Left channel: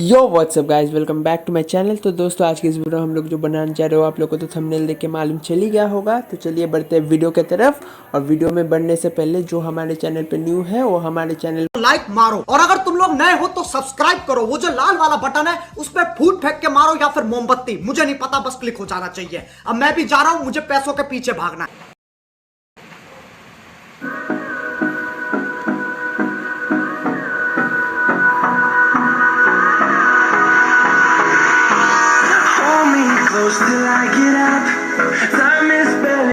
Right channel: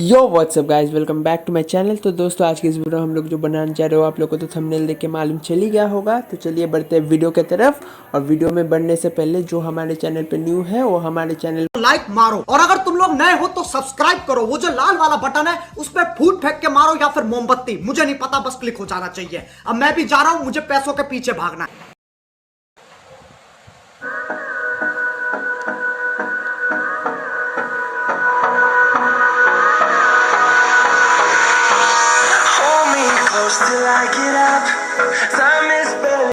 Yo what's up guys, welcome back to my channel. तो दोस्तों, आज की इस वीडियो हम लोग जो बनाने जा रहे हो, आप लोगों को तो थंबनेल देख के मालूम चल ही गया होगा। तो चलिए बढ़ते हैं वीडियो की तरफ। और वीडियो में बढ़ने से पहले जो हमारे चैनल पे न्यू है वो हमारे चैनल लाइक मारो, और अगर तुम लोग नए हो तो सब्सक्राइब करो। वो जो लाल वाला बटन है उस पर फूट फेंक के मारो या फिर मोमबत्ती, मुझे नहीं पता, बस क्लिक हो जाना चाहिए। अब मैं भी जा रहा हूं, मुझे पैसों के पीछे भागना है। Hold me close till I get up. Time is barely.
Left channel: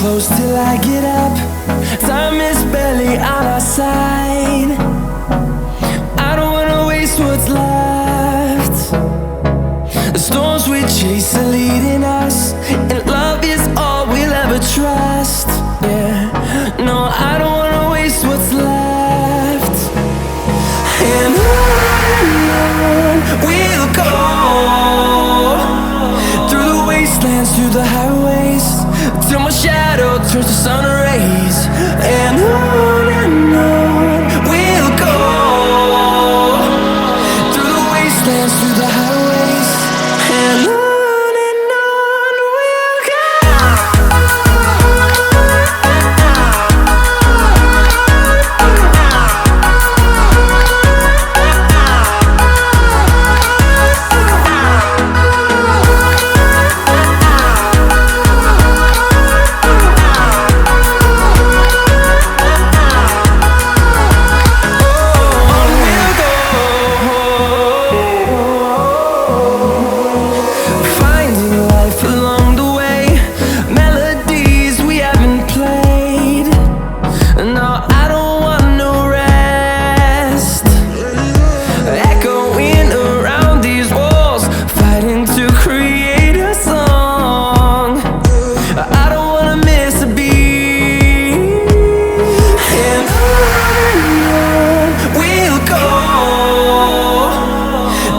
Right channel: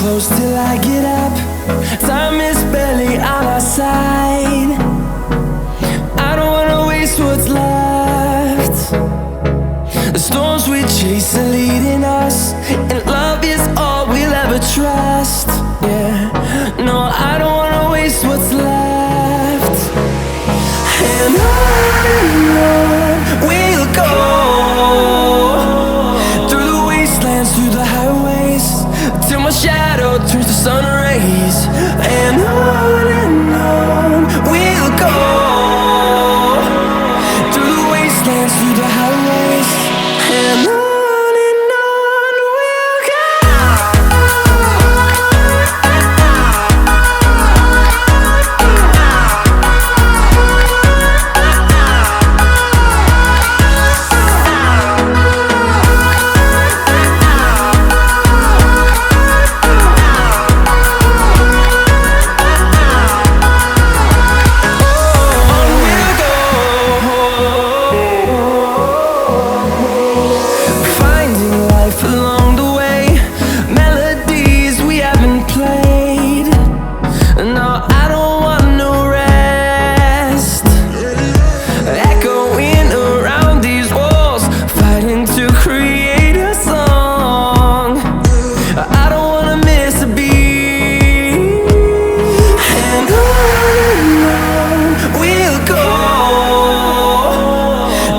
Close till I get up. Time is barely on our side. I don't wanna waste what's left. The storms we chase are leading us, and love is all we'll ever trust. Yeah, no, I don't wanna waste what's left. And on we'll go through the wasteland. wastelands, through the highways, till my shadow turns to sun rays. And on we'll go, through the wastelands, through the highways, and on we'll go. Along the way, melodies we haven't played. No, I don't want no rest. Echoing around these walls, fighting to create a song. I don't wanna miss a beat. And on we'll go,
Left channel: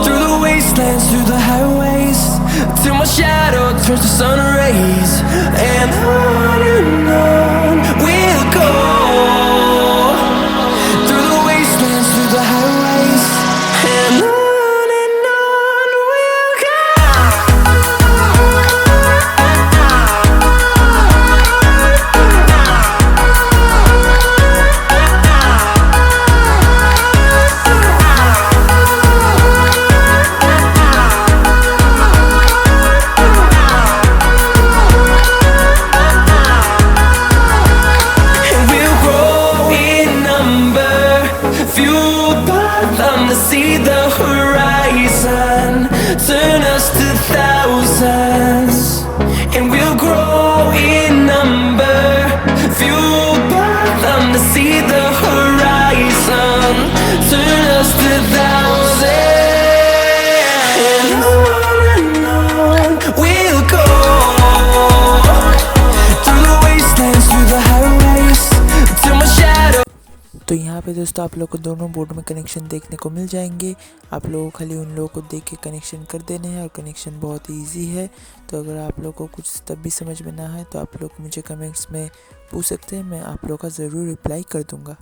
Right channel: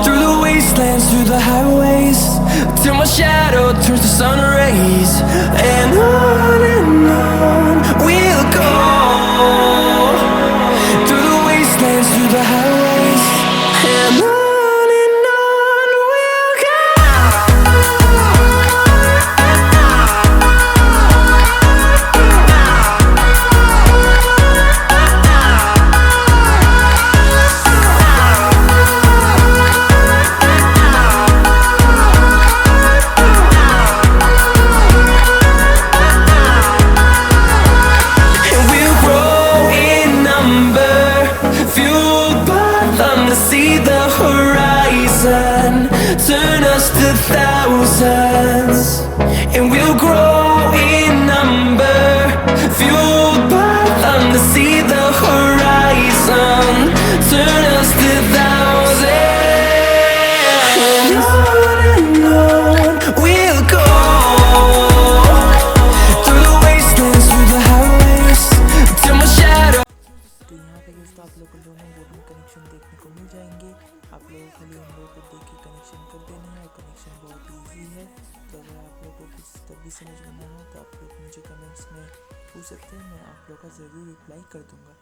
through the wastelands, through the highways, till my shadow turns to sun rays. And on we'll go, through the wastelands, through the highways, and on we'll go. To see the horizon, turn us to thousands, and we'll grow in number, fueled by them. To see the horizon, turn us to thousands, and on we'll go, through the wastelands, through the highways, till my shadow. तो यहाँ पे दोस्तों आप लोग को दोनों board में connection देखने को मिल जाएंगे। आप लोगों को खाली उन लोगों को देख के कनेक्शन कर देने हैं और कनेक्शन बहुत ही ईजी है। तो अगर आप लोग को कुछ तब भी समझ में ना आए तो आप लोग मुझे कमेंट्स में पूछ सकते हैं, मैं आप लोग का ज़रूर रिप्लाई कर दूँगा।